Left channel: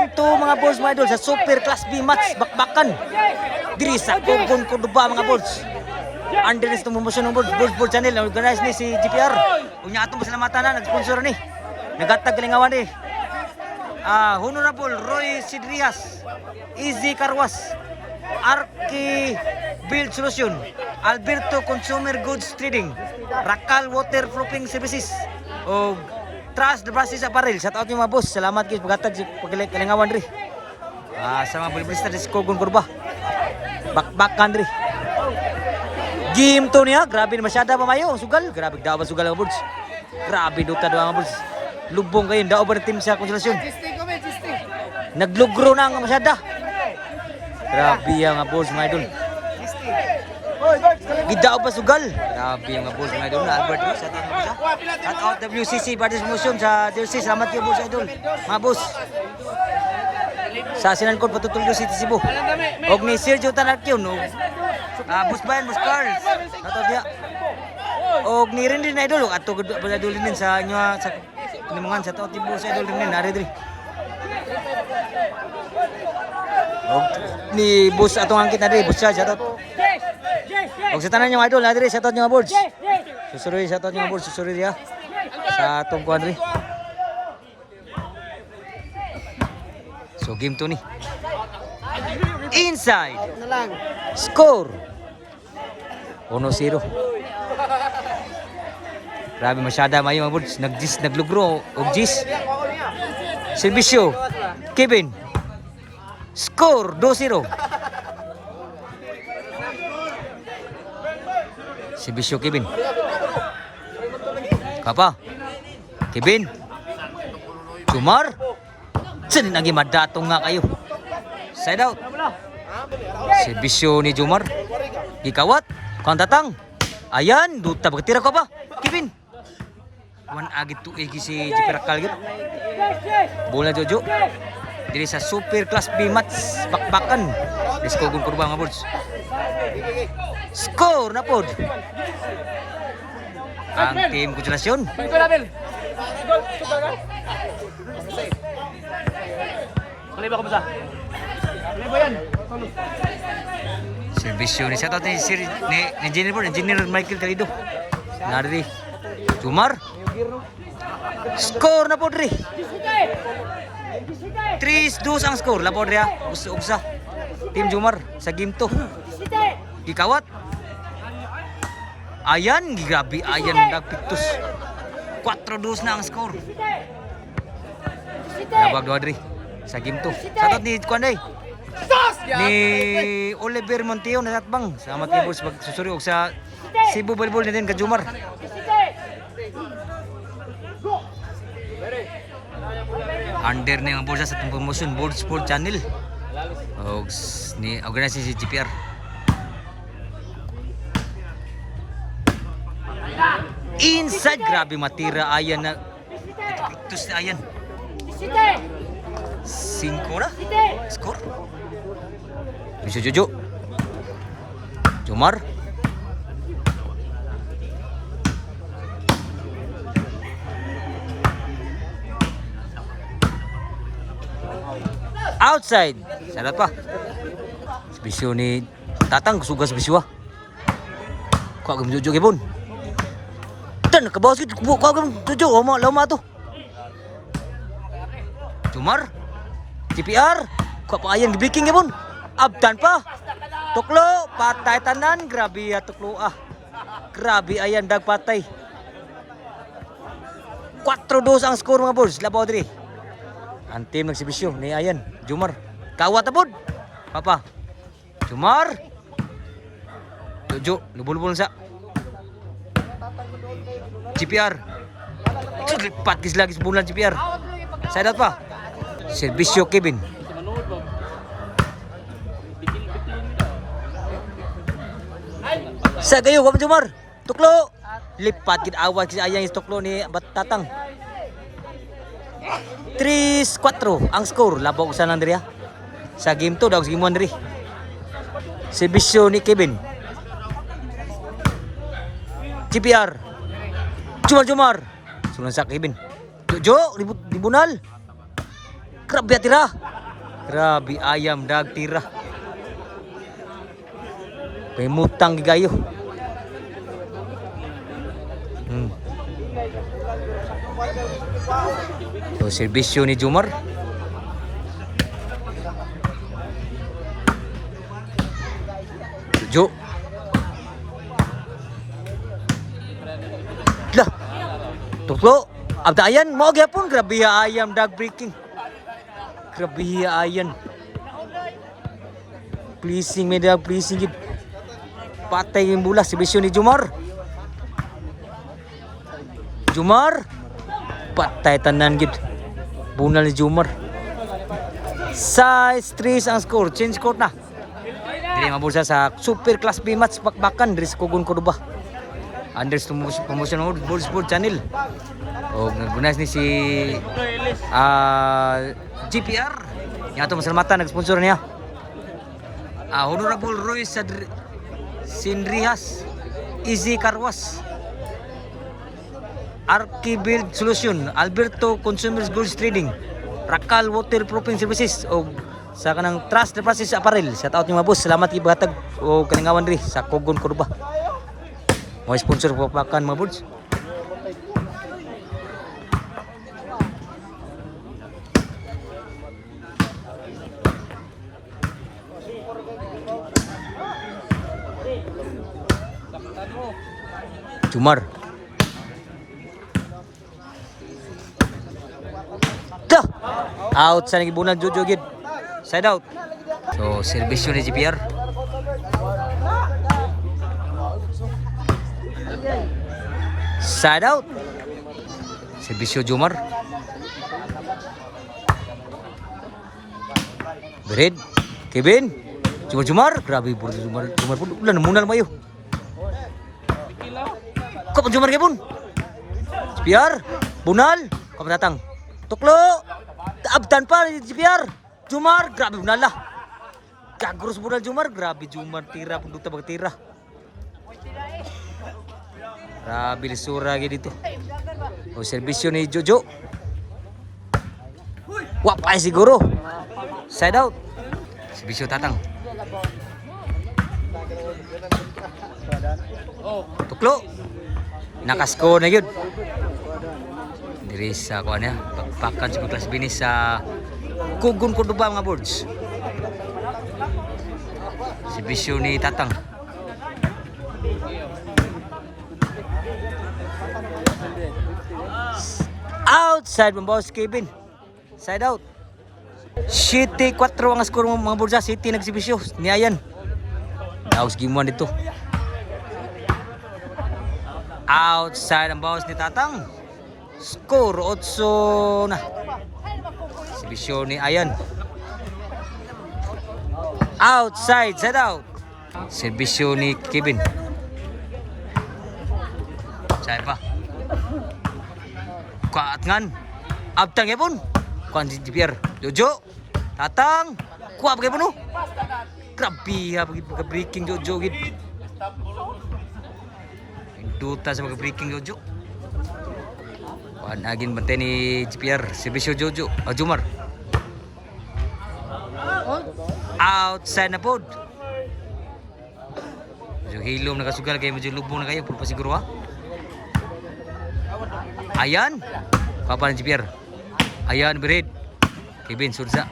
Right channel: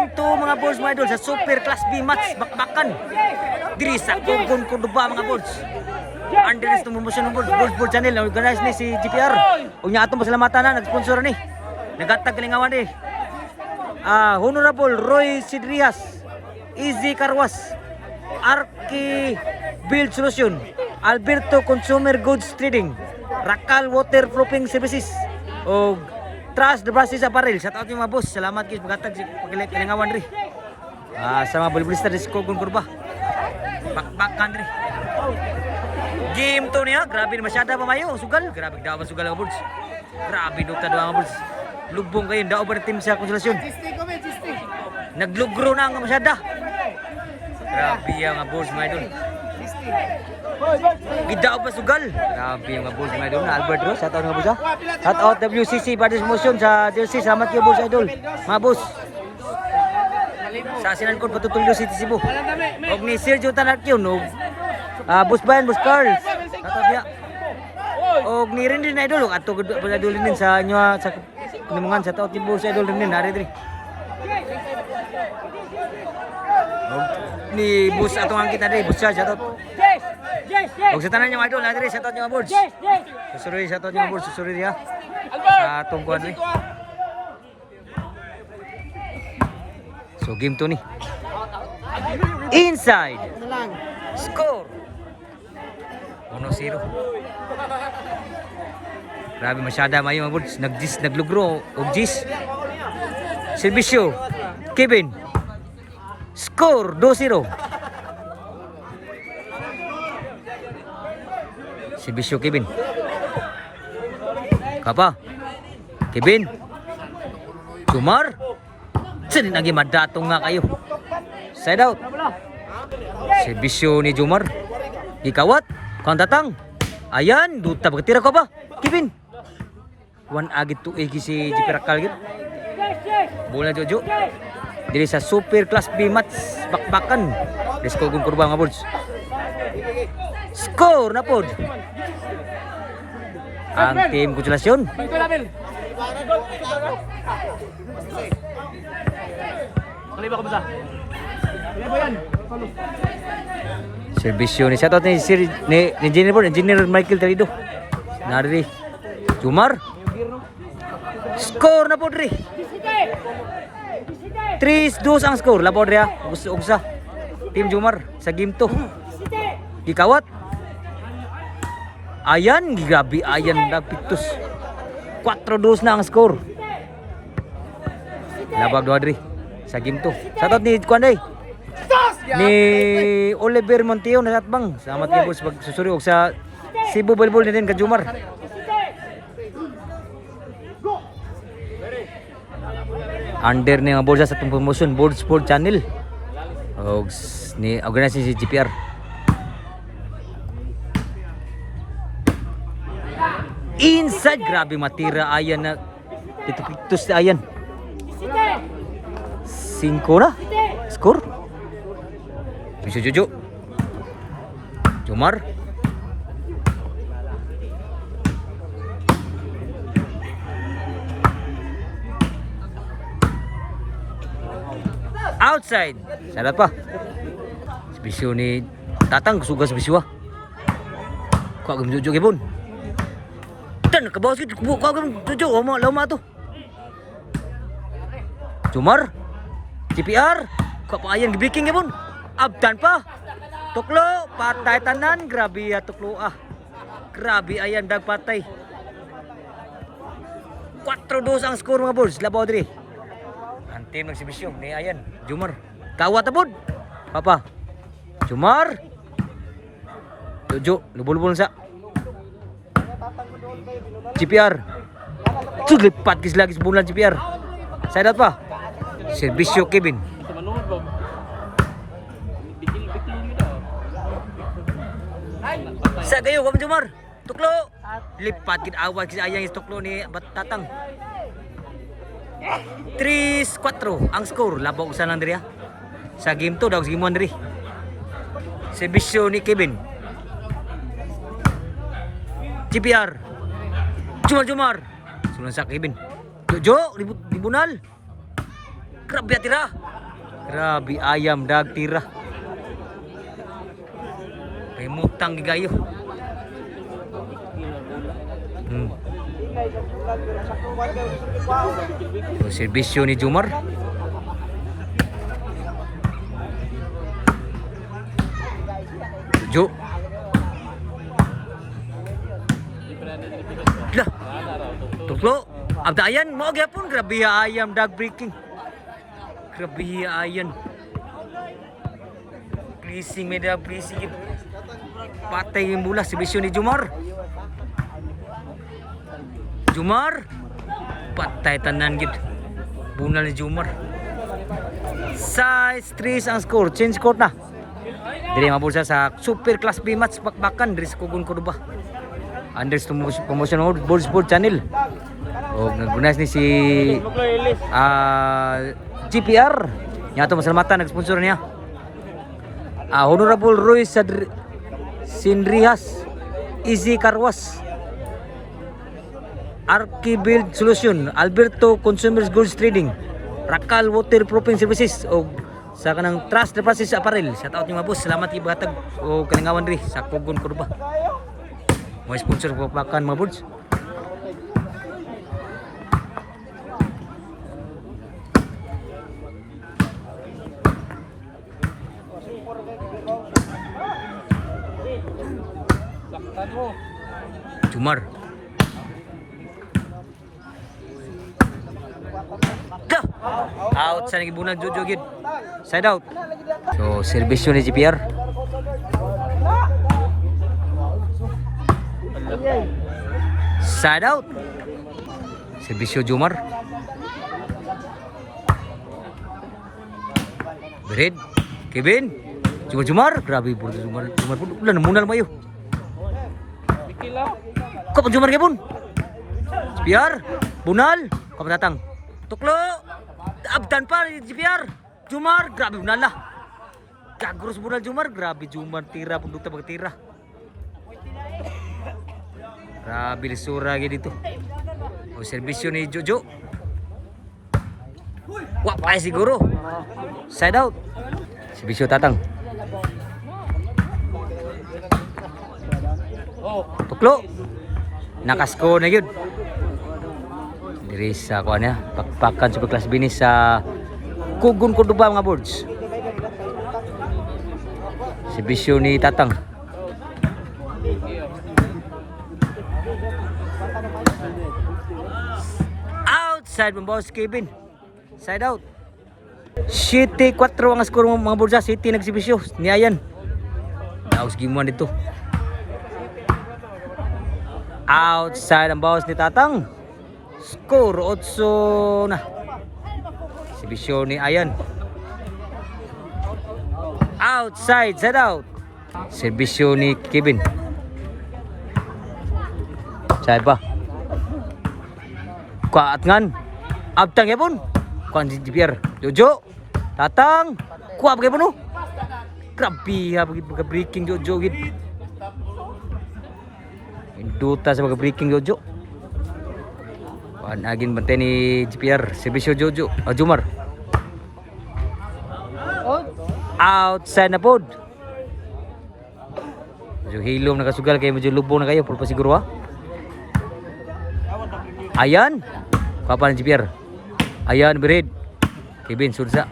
Game 2 mga boys mga idol sa Super Class B match bakbakan. Diri sa Cogon Cordoba mga boys. Underneath itong promotion ng board channel na organize ni si GPR. Unya atong pasalamatan na nag-sponsor ni. Nagatag kalingawan ni. Honorable Roy Sidrias, Easy Carwas, Arki Build Solution, Alberto Consumer Goods Trading, Rakal Waterproofing Services, o Trust the Brasses Apparel. Shout out yung mga boss. Salamat kayo paghatag si kalingawan rin. Sa mga bolibulista rin si Cogon Cordoba. Bakbakan rin. Game 2 niya, grabe na masyada pa mayo. Sugal, grabe daw ba sugal mga boss. Grabe duta daw mga boss. Lubong kayo, daw ba na team sa konsolasyon. Naglugro na ang masyada. Grabe ang mga boss mga idol. Gidao pa sugal. Grabe ang mga boss mga idol na Albert Ross. Shout out mga boss ha. Shout out WCC Parties Motion sa DLC. Salamat kayo boss idol. Mga boss. Sa Sinan Code Patutulyo City Cebu. Og ni Sergio Tanakyon. Og Boss Bayan, Boss Carl. Shout out niya. Og ni Rin na idol. Ato idol din sa inyo sa panimungan. Shout out ni boss idol din. Nari din. Og ni boss atong angkit na din. Boss siya. Shout out. Og sa tanan yung idol, nadiri sa tot yung mga boards. Susuri sa tot yung mga boards, susuri dia. Sa atong kuan ri. So game 2 ni. Inside. Score. 1-0. Grabe masyada mayo mga boards. Naglugro og gis. Servisyo. Kevin. Score 2-0. Servisyo Kevin. Kapa. Kevin. Jumar. Saan naging madatong nga kayo. Side out. Servisyo ni Jumar. Gikawat. Kantatang. Ayan. Duta bagtira ka ba? Kevin. One agit to egi si Jipirakal git. Bola Jojo. Diri sa Super Class B match bakbakan. Let's go Cogon Cordoba mga boards. Score na pod. Ang team konsolasyon. Kaliba ko ba sa? Kaliba yan. Servisyo ni shoutout ni Sir ni Engineer Michael Talido. Nari Jumar. Score na pod ri. 3-2 ang score. Lapod ri ha. Ugsa. Team Jumar sa game 2. Gikawat. Ayan, grabe ayan nagpitos. 4-2 na ang score. Labag do adri sa game 2. Shoutout ni Kuanday. Ni Oliver Monteo na natbang. Salamat kay boss pagsusuri og sa Cebu Volleyball din ka Jumar. Under ni nga board sa itong promotion Board Sport Channel. Og ni organizing si GPR. Inside, grabe matira ayan na pitus na ayan. 5 na score. Bisa Jojo. Jumar. Outside. Salat pa. Bisyo ni Tatang sugas bisyo. Kuha gum Jojo kibon. Dan nakabawas kita kuha gum Jojo lama tu. Jumar. GPR. Kuha pa ayan gibiking kibon. Abdan pa. Tuklo patay tanan, grabe ya tuklo ah. Grabe ayan dag patay. 4-2 ang score mga boys. Labaw diri. Ang team nagsibisyo ni ayan Jumar. Kawat apod. Papa. Jumar. Jojo, lubul-lubul sa. GPR. Lipat kis lagi sebulan GPR. Side out pa. Servisyo Kevin. Sa gayo ka Jumar. Tuklo. Lipat gid awal kis ayang is tuklo ni Tatang. 3-4 ang score. Labog sa lang diri ha. Sa game 2 daw sa game 1 diri. Servisyo ni Kevin. GPR. Jumar. Sunan sa Kevin. Jojo, libunal. Grabe tira. Grabe ayam dag tira. Kay mutang gigayo. So serbisyo ni Jumar. Jo. Lah. Tuklo. Abdayan mo gyapon grabe ayam dag breaking. Grabe ayan. Pleasing may dag pleasing gid. Patay yung bola serbisyo ni Jumar. Jumar patay tanan gid. Bunal ni Jumar. Size 3 ang score. Change court na. Dili mabulsa sa Super Class B match bakbakan diri sa Kugon Cordoba. Under promotion of Ball Sport Channel. O nagbunas ni si GPR. Nya ato masalamatan nag-sponsor niya. Honorable Roy Sinrihas, Easy Carwas, Archibuild Solution, Alberto Consumers Goods Trading, Rakal Waterproofing Services o sa kanang Trust Deposit Apparel. Sa taot ni mga boss, salamat ibahatag o kalingawan ri sa Kugon Cordoba. Mo sponsor po pakan mga boss. Jumar. Dah. Out sa nagibunag Jojo gid. Side out. So serbisyo ni GPR. Side out. Serbisyo Jumar. Bered. Kevin. Jumar. Grabe puro Jumar pun ulan munal mayo. Kau pun Jumar pun. GPR. Bunal. Kau datang. Tuklo. Abdan pa GPR. Jumar. Grabe bunal lah. Gagurus bunal Jumar. Grabe Jumar tira pun duta bag tira. Grabe lisura gitu. O serbisyo ni Jojo. Wapay siguro. Side out. Serbisyo Tatang. Tuklo. Nakasko na yun. Diri sa kuan niya, pakpakan Super Class B ni sa Kugon Cordoba mga boards. Serbisyo ni Tatang. Outside ng boss Kevin. Side out. City 4 ang score mga boards. City nagsibisyo ni Ayan. Daos gimuan dito. Outside ang bawas ni Tatang. Score 8 na. Serbisyo ni Ayan. Outside, side out. Serbisyo ni Kevin. Side pa. Kuat ngan. Abtang ya pun. Kuan si GPR. Jojo. Tatang. Kuat bagi pun. Grabe ha bagi breaking Jojo gid. Duta sa breaking Jojo. Kuan agin bantay ni GPR. Serbisyo Jojo. Jumar. Outside na pod. Medyo hilom nakasugal kayo. Medyo lubong na kayo. Puro pa siguro ha. Ayan. Kapan GPR. Ayan bered. Kevin Surza.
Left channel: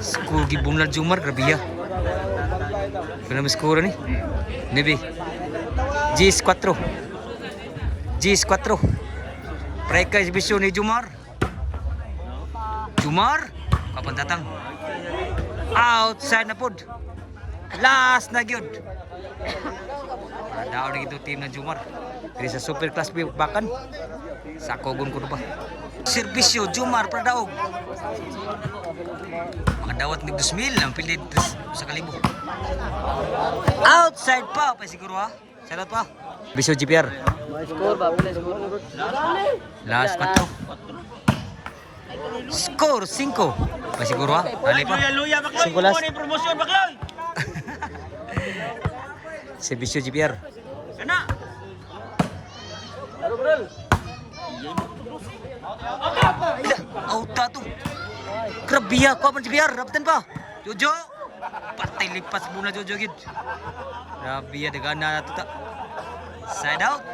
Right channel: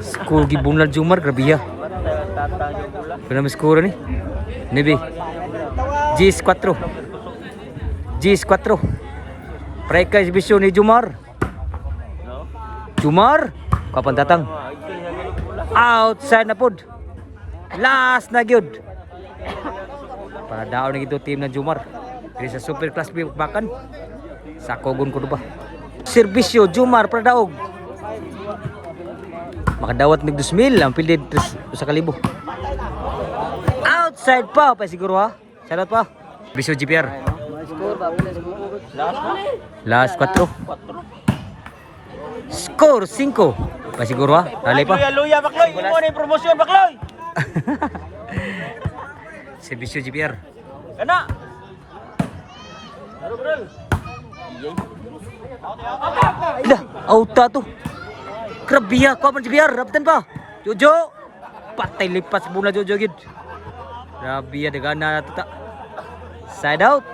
Skor gibunal Jumar grabe ya. Kena skor ni. Nebe. Gis 4. Gis 4. Preka exhibition ni Jumar. Jumar kapan datang? Outside na pod. Last na gyud. Para daw na gito team ng Jumar. Diri sa Super Class B bakan sa Kugon Cordoba. Serbisyo Jumar para daog. Makadawat ng 2,000 ang pilid sa kalibo. Outside pa siguro ha. Salat pa. Bisyo GPR. Last 4. Score 5. Pa siguro ha. Dali pa. Luya, bakloy. Singkulas. Kung ano yung promosyon, bakloy. Servisyo GPR. Kana. Ila, auta to. Krabiya, kuha man GPR. Raptan pa. Jojo. Patay lipas muna Jojo gid. Krabiya, dagana na to ta. Side out.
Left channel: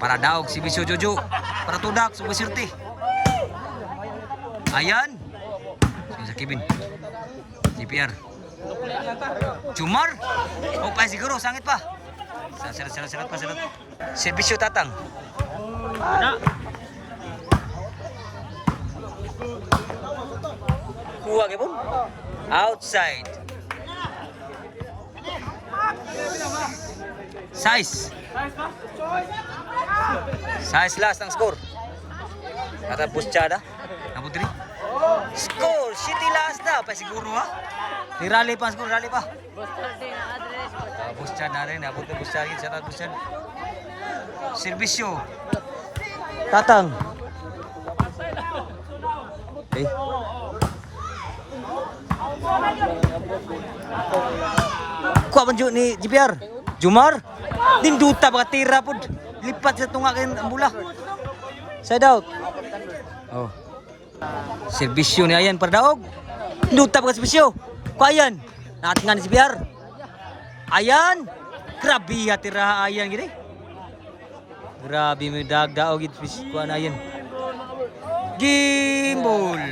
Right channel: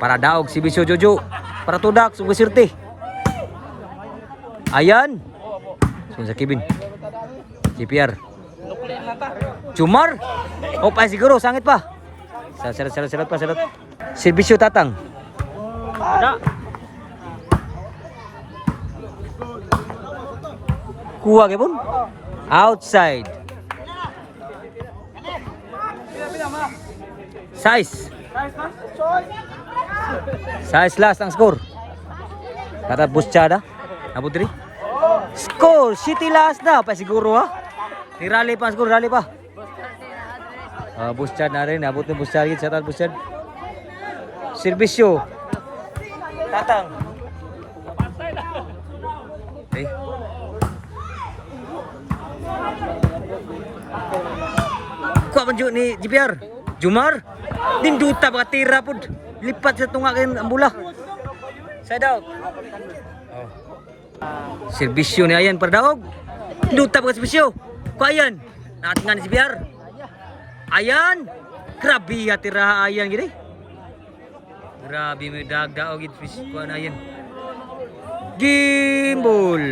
Para daog si Bisyo Jojo. Para tudak, sugusirte. Ayan. Sunod sa Kevin. GPR. Jumar. Oh, pa siguro, sangit pa. Sarat pa. Servisyo Tatang. Kana. Kuha kay pun. Outside. Size. Size last ang score. Kata Buschada. Abot diri. Score, City last na. Pa siguro ha. Ni rally pa ang score, rally pa. Buschad na rin. Abot ni Buschad. Shout out Buschad. Servisyo. Tatang. Okay. Kuha man ni GPR. Jumar. Dinduta baka tira po. Lipat sa tunga kayo ang bola. Side out. Oh. Servisyo ni Ayan para daog. Dinduta baka servisyo. Kuha Ayan. Natingan ni GPR. Ayan. Grabe tira Ayan gini. Grabe may daog gid fish kuha na Ayan. Gimbal.